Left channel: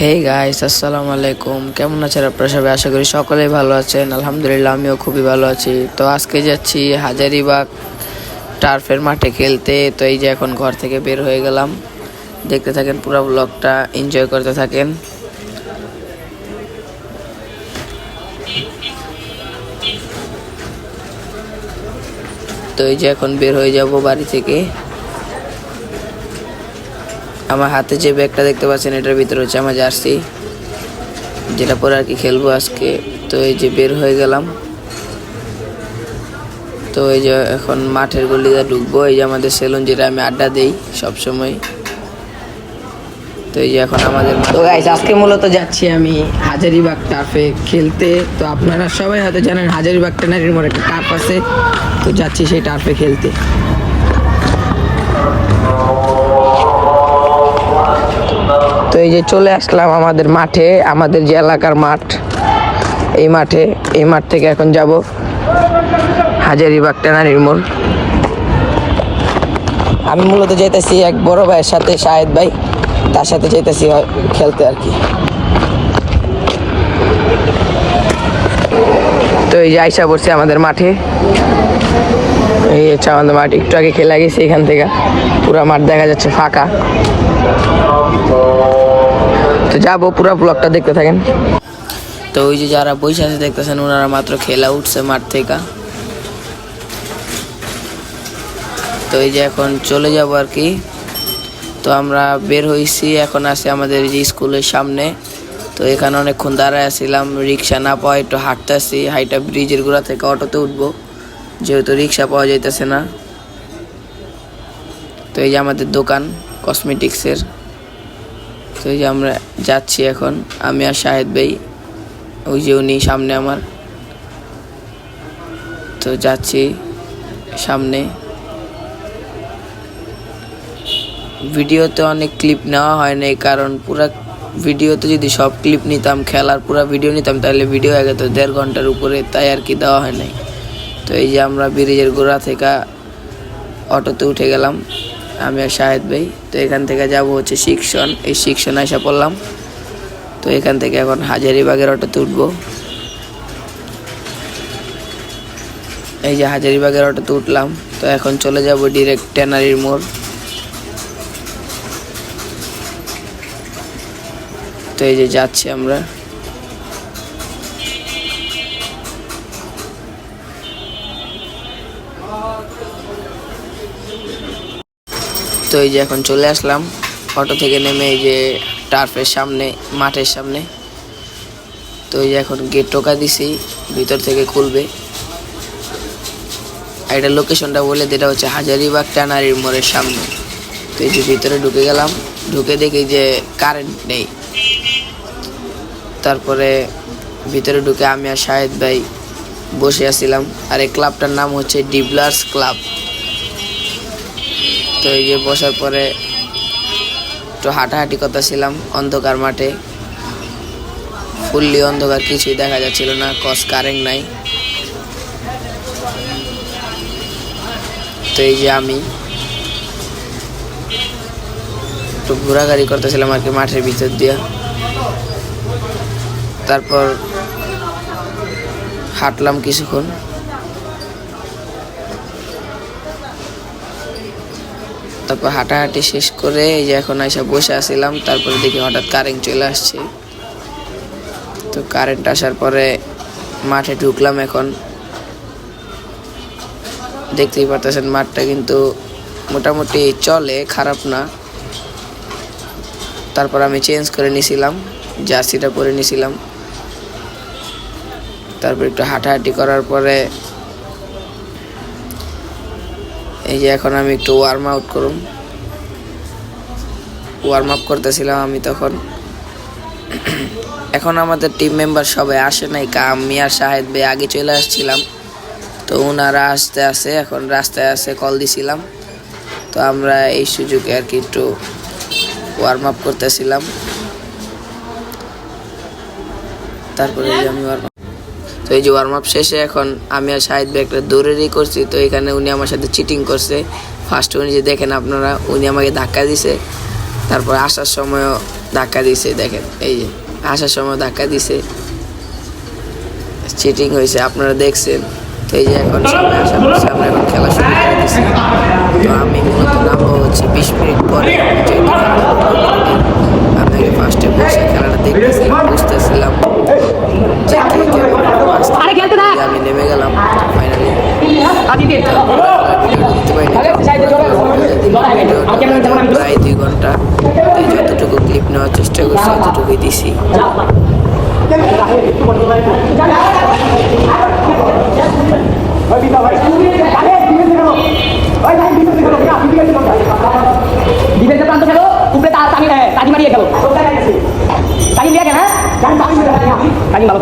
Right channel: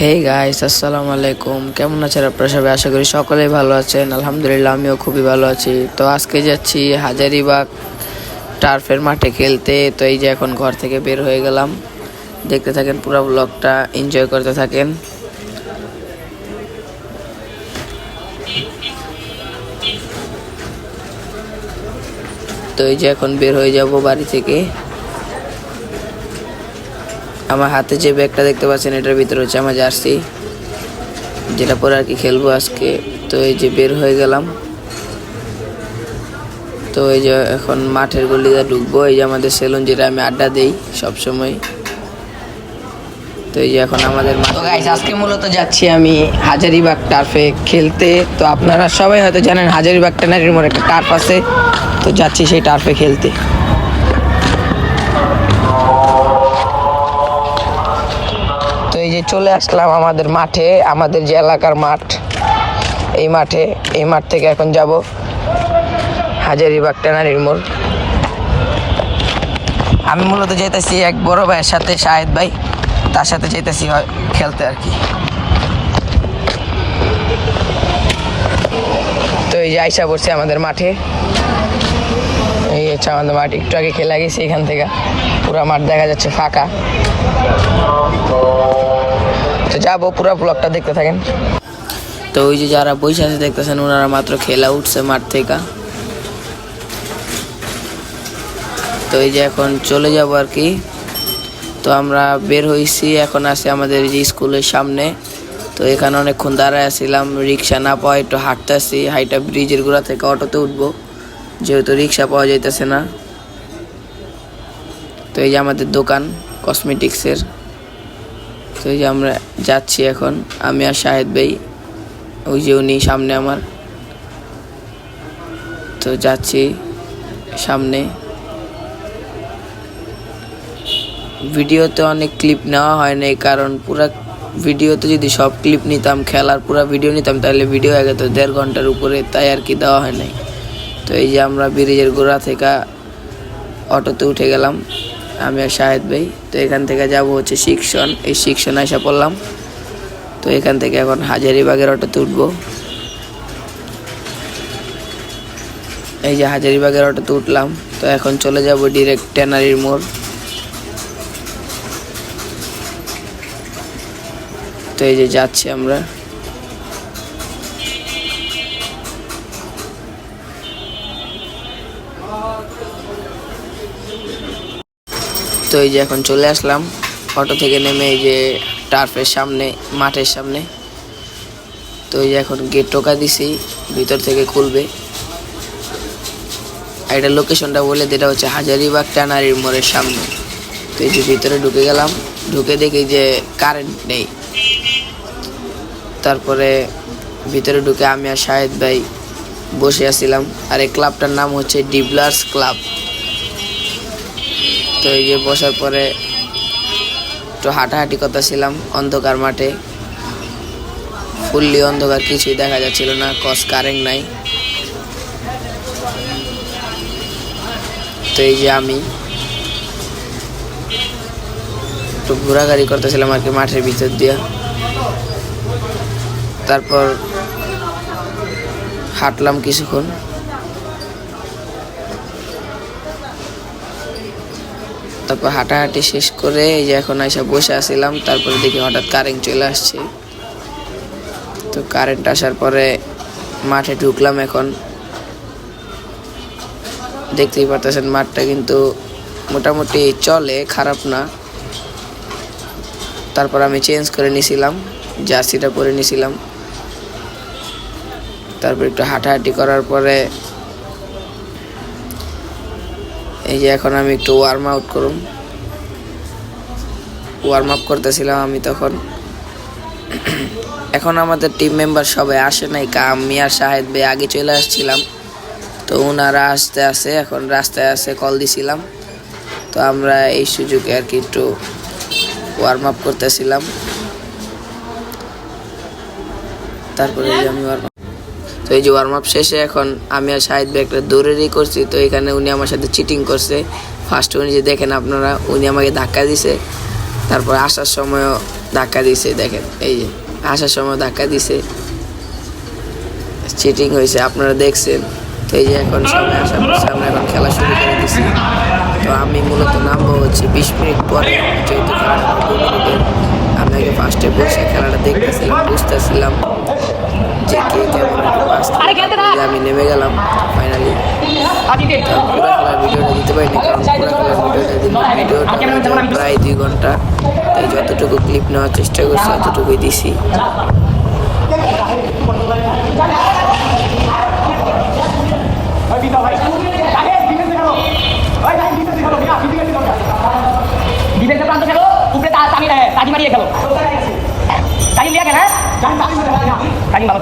Hey guys, আসসালামু আলাইকুম। কেমন আছেন আপনারা সবাই? আশা করি সকলেই ভালো আছেন। আলহামদুলিল্লাহ, আমিও খুবই ভালো আছি। তো আজকে যাচ্ছি হাজারীবাগ টার্ফের মাঠে খেলতে। তো এই যে এখন ঘর থেকে বের হয়ে গেলাম। দেখতে থাকেন, পুরো ব্লগটা এনজয় করতে থাকেন। তো এই যে এখন বের হয়ে যাব বাড়ি থেকে। আমার হাতে যে ব্যাগটা দেখতে পাচ্ছেন, এটার ভিতরে হচ্ছে আমার জার্সি, যেটা পরে আর কি খেলবো আজকে। তো এই যে বের হয়ে গেলাম। তো এই যে এখন মাঠের গলিতে ঢুকবো। এই যে আমাদের সেলুন, যেটা আমি আড্ডা দেই সবসময়। তো এই যে এখন আমাদের মাঠ। তো গাইস, আজকে মূলত যাচ্ছি আমি হাজারীবাগ টার্ফে খেলতে। তো আপনারা সবাই হয়তো জানেন হাজারীবাগ ট্যানারির মোড়ে একটা টার্ফ আছে। তো যাচ্ছি সেই টার্ফে খেলতে। তো এই যে চলে আসলাম আমাদের মাঠে, আমাদের যে এলাকার মাঠ, এই মাঠ থেকে এখন যাব হাজারীবাগ ট্যানারির মোড়। আমি মূলত যাইতেছি এক বড় ভাইয়ের সাথে, শাহেদ ভাই, তার সাথে যাইতেছি খেলতে আর কি। তো এই যে আইসা পড়ছে আমাদের মাঠে। এই হচ্ছে আমাদের মাঠ। একটু আগে খেলা গেছে, এখান থেকে পুরো মাঠ দেখা যাচ্ছে ফাঁকা। তো যাবো, পুরো ব্লগটা দেখতে থাকেন। তো ওই যে যারা বসে আছে দেখতেছেন, ওনারা মাত্র খেলা উঠছে মাঠ থেকে। তো এই যে এখন চলে যাব আর কি। তো আমরা বের হয়েছি, এখন আছি আমাদের যে স্কুলের সামনে। তো এখানে অনেকক্ষণ দাঁড়ায় আসছিলাম, রিক্সা না পাওয়া একটু হাঁটতেছি। হাইটা ব্রিজের গোড়া থেকে অটোতে উঠবো, যেহেতু রিক্সা পাওয়া যাইতেছে না। তো এই যে আমাদের দোকান কসমেটিক্সের। তো এই যে আমরা যাচ্ছি এখন, আমি আর শাহেদ ভাই, ওই যে উনি সামনে আমার। তো যাচ্ছি সামনে। ভিডিওতে অনেক ক্লিপ নেওয়া হয় নাই, কারণ পুরা ভিডিওতে যদি সব ক্লিপ নিতাম, খেলার পুরা ভিডিও নিতাম, তাহলে ভিডিও হয়ে গেত 1.5 ঘন্টার উপরে, তাই আর কি দেওয়া হয় নাই। তো এই যে আমরা ব্রিজের গোড়া থেকে অটোতে উঠে গেলাম, আমি আর শাহেদ ভাই। তো এখান থেকে যাব হচ্ছে শিক্ষণ। এই শিক্ষণ এসে পড়লাম। তো এখান থেকে এখন হাজারীবাগের অটোতে উঠবো। এই যে হাজারীবাগের অটোতে উঠলাম। তো এখন চলে যাব ডিরেক্ট ট্যানারির মোড়। তো এই যে যাচ্ছি আমরা। তো এই যে এখন চলে আসলাম অটো থেকে নেমে, এই যে টার্ফের সামনে, মাঠের সামনে। তো এই যে এখন গেট টোকা দিছি, ভিতর থেকে খুলবে। আর এটা লোকেশনটা বলে, যেটা হচ্ছে হাজারীবাগ ট্যানারির মোড়ের সামনে। তো এই যে ভিতরে ঢুকে গেলাম। ঢুকে দেখি যে কারেন্ট নেই। তারপরে ভিতরে ঢুকে আমি আর শাহেদ ভাই বসে আছিলাম। আর এই ক্লাবটার নাম হচ্ছে ডিবলার্স ক্লাব। তো এই যে বসার পরে একটু হাঁটাহাঁটি করতেছিলাম অন্ধকার মাঠে। ফুললি অন্ধকার, কিছুই দেখা যাচ্ছিল না, কস কারেন্ট নাই। তো এই যে আমি একটু ঘোরাঘুরি করতেছিলাম আর কি মাঠের ভিতর দিয়া। তারপর হাঁটলাম কিছুক্ষণ। তারপর হাঁটাহাঁটি শেষ করে এই যে এখন এসে বসে আসছিলাম। তারপরে দেখি হঠাৎ কারেন্ট চলে আসছে। তো কারেন্ট আসার পরে মাঠে ঢুকলাম। এখন দেখতেই পারতেছেন মাঠটা কিন্তু মোটামুটি চলে, খারাপ না। তারপর আমি চেঞ্জ করে নিয়েছিলাম, জার্সিটা পরে নিয়েছিলাম। তারপর একটু হাঁটাহাঁটি করার পরে এই যে এখন আমি একটু ওয়ার্ম আপ করতেছিলাম আমি তখন। এখন আমাদের টিম মেম্বার সবাই আসে নাই, আমি আর শাহেদ ভাই আগে চলে আসছিলাম। তো ওনারা আসতে আসে, এখন রাস্তায় আসে, কল দিছিলাম। তো আমরা এই সুযোগে আর কি একটু ওয়ার্ম আপ করতেছিলাম। তারপরে তো এই যে ওয়ার্ম আপ শেষে এখন আমি আর শাহিদ ভাই একটা দৌড়েরই করছি। তো এখানে উনি আমার সাথে চিটিং করছে। ফার্স্ট উনি যে দেখেন আপনারা, উনি আমাকে ধাক্কা দিছে। তারপর আসার সময়ও ধাক্কা দিছে, দেখেন এই যে আসার সময় ধাক্কা দিছে, চিটিং হয়েছে আপনারা দেখছেন। তো এই যে এখন সামনে আসার পর সামনে এখন খেলা শুরু করে দিছি। তো আমি মূলত নামবো হচ্ছে 20 মিনিট পরে, যেহেতু খেলাটা 2 মিনিটের। আমি আগে ফার্স্টে বসে খেলাটা দেখতেছিলাম, বুঝতেছিলাম যে কে কেমন পাস খেলে। তারপরে যে আমি নেমে গেলাম ফাইনালি। তো পুরা খেলার ভিডিওটা দিতে পারিনি, কারণ পুরা খেলার ভিডিওটা দিলে ভিডিওটা হয়ে যায় প্রায় 2 ঘন্টা। তাই যতটুকু ক্লিপ নেওয়ার চেষ্টা করছি ততটুকুই দিছি। ডিফেন্সে প্রান্ত খেলো, উপরে তাজি মারিয়ে খেলো, তাজি দিয়ে কেন তাজি ভালো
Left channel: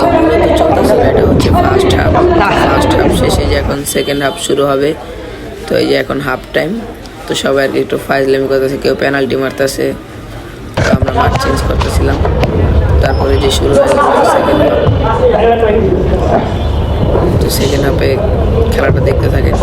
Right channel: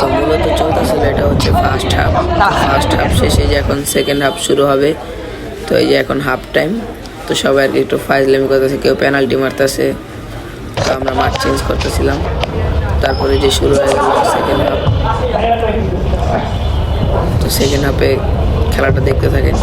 তো মূলত চলতেছিল এটা হচ্ছে ফার্স্ট হাফ শেষে যে এখন সেকেন্ড হাফ শুরু হবে। তো এই যে এখন হাফ টাইম, তো সবাই আর কি একটু ফাইজলামি করতেছে, কেউ পেনাল্টি মারতেছে। তো আমরা মাঠ চেঞ্জ করতেছিলাম। তারপরে যে শুরু হয়ে গেল সেকেন্ড হাফ। তো সেকেন্ড হাফে খেলাটা দেখতে থাকেন।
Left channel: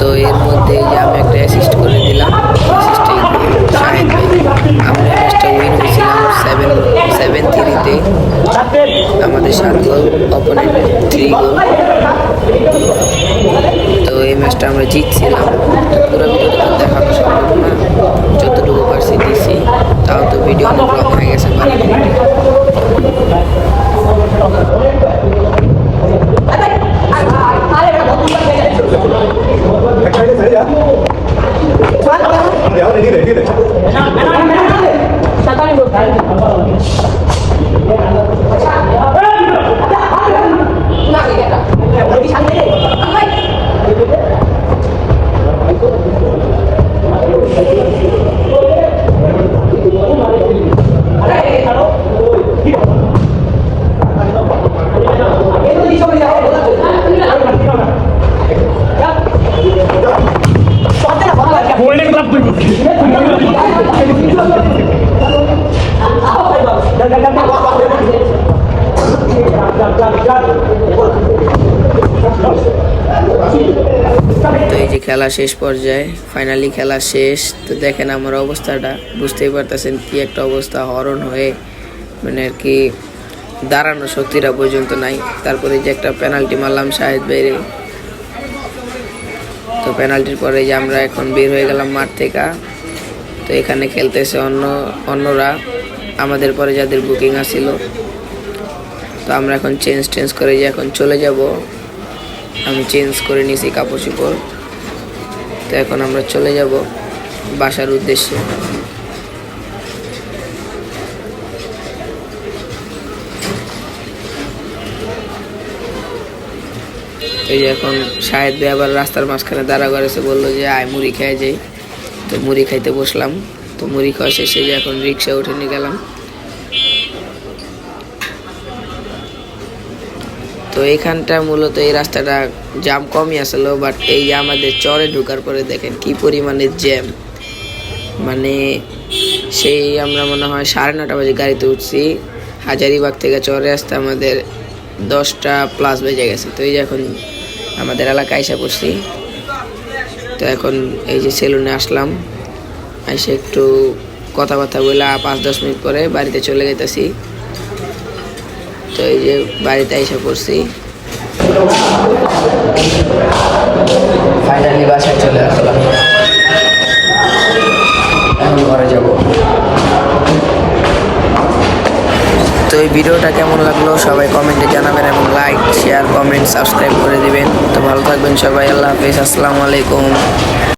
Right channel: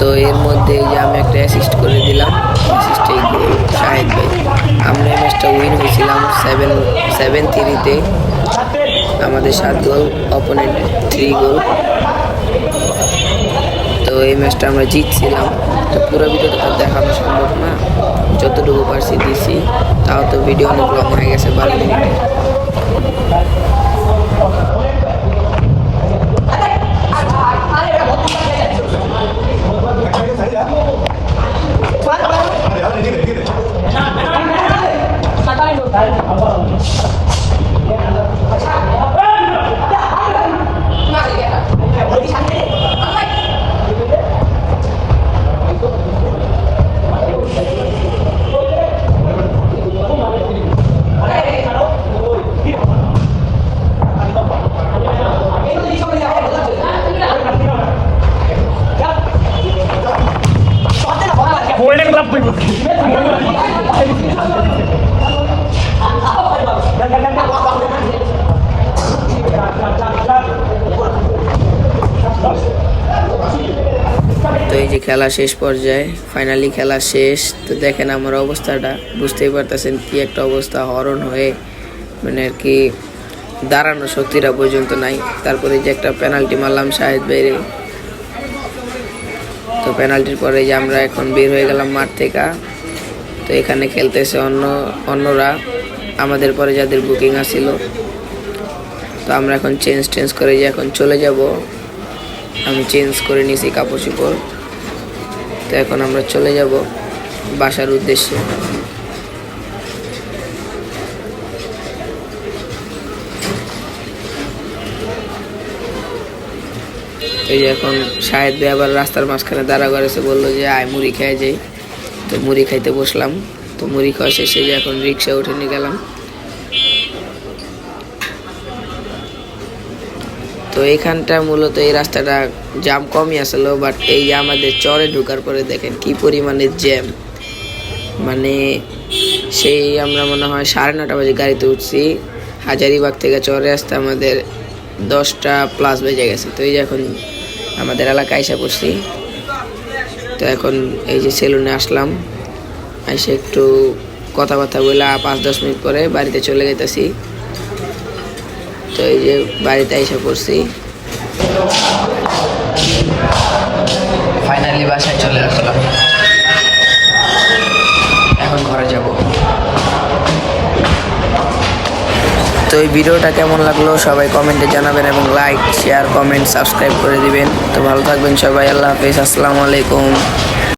তো এর মধ্যে এই যে আমি একটা অ্যাসিস্ট করে দিলাম, অ্যাসিস্টেই গোল শাহেদ ভাই। আমরা এই ম্যাচটা উইন হয়েছিলাম 7-3-তে। আমাদের 7 গোল, অপোনেন্ট 3 গোল। তো এই ম্যাচটা আমরা জিতছিলাম। তো পুরো ভিডিওটা তো দেখানো সম্ভব না, যতটুকু পারছি দিছি। তাও তো ভিডিও অনেক লং হয়ে গেছে, 12 মিনিটে। খেলা শেষ পর্যায়ে, ফাইনালি খেলা শেষ। তো দেখেন আমার অবস্থাটা, বুঝতেই পারতেছেন কি একটা অবস্থা, হরণ হয়ে মানে আর কি দাঁড়ানো শক্তিটা পর্যন্ত নাই। তারপরে যে একটা পেনাল্টি মারলাম শাহেদ বাইরে, তো পেনাল্টির পরে যে আমরা এখন বের হয়ে গেলাম মাঠ থেকে। তো এখানে খেলতেছে অন্যরা, আমাদের পরে যাদের বুকিং আসছিল। তো আমরা এখন চেঞ্জ করে যে এখন চলে যাব। আমি চেঞ্জ করে নিয়েছি কাপড় চোপড়। তো এখন আমরা চলে যাব বাসার উদ্দেশ্যে। এই যে এখন শাহেদ ভাই আবার রাস্তার মাঝখানে দাঁড়া করেছে, বললো যে আয় মুড়ি খেয়ে যাই। তো মুড়ি খাইতে বসলাম। তো মুড়ি খাওয়া শেষে যে এখন রিক্সা উঠে নিয়ে গেলাম। তো এইখানটা মূলত এই রাস্তাটা জ্যাম কমই আসলো, বাট এই যে আমাদের চরে ঢোকার পরে দেখেন কি পরিমাণে জ্যাম। মানে সেই আমরা মনে হয় 9:30 বাজে গাড়িতে উঠছি, হাজারীবাগ থেকে চরে আসতে আমাদের 10টা+ বেজে গেছে। তো এই যে এখন আমাদের এলাকায় এসে পড়ছি। তো এখন এই যে সেলুনে আসলাম, এসে একটু কথাবার্তা বলে 5-10 মিনিট পরে বাড়িতে চলে যেতেছি। তো এই যে বাড়িতে এসে পড়ছি, ফাইনালি বাসায় চলে আসলাম। এখন ঘরে যাব। তো এই ভিডিওটা কেমন লাগলো সবাই কমেন্টে জানাবেন, এবং লাইক, শেয়ার, কমেন্ট, সাবস্ক্রাইব করে দিবেন। তো ভালো থাকবেন সবাই, আল্লাহ হাফেজ, আসসালামু আলাইকুম।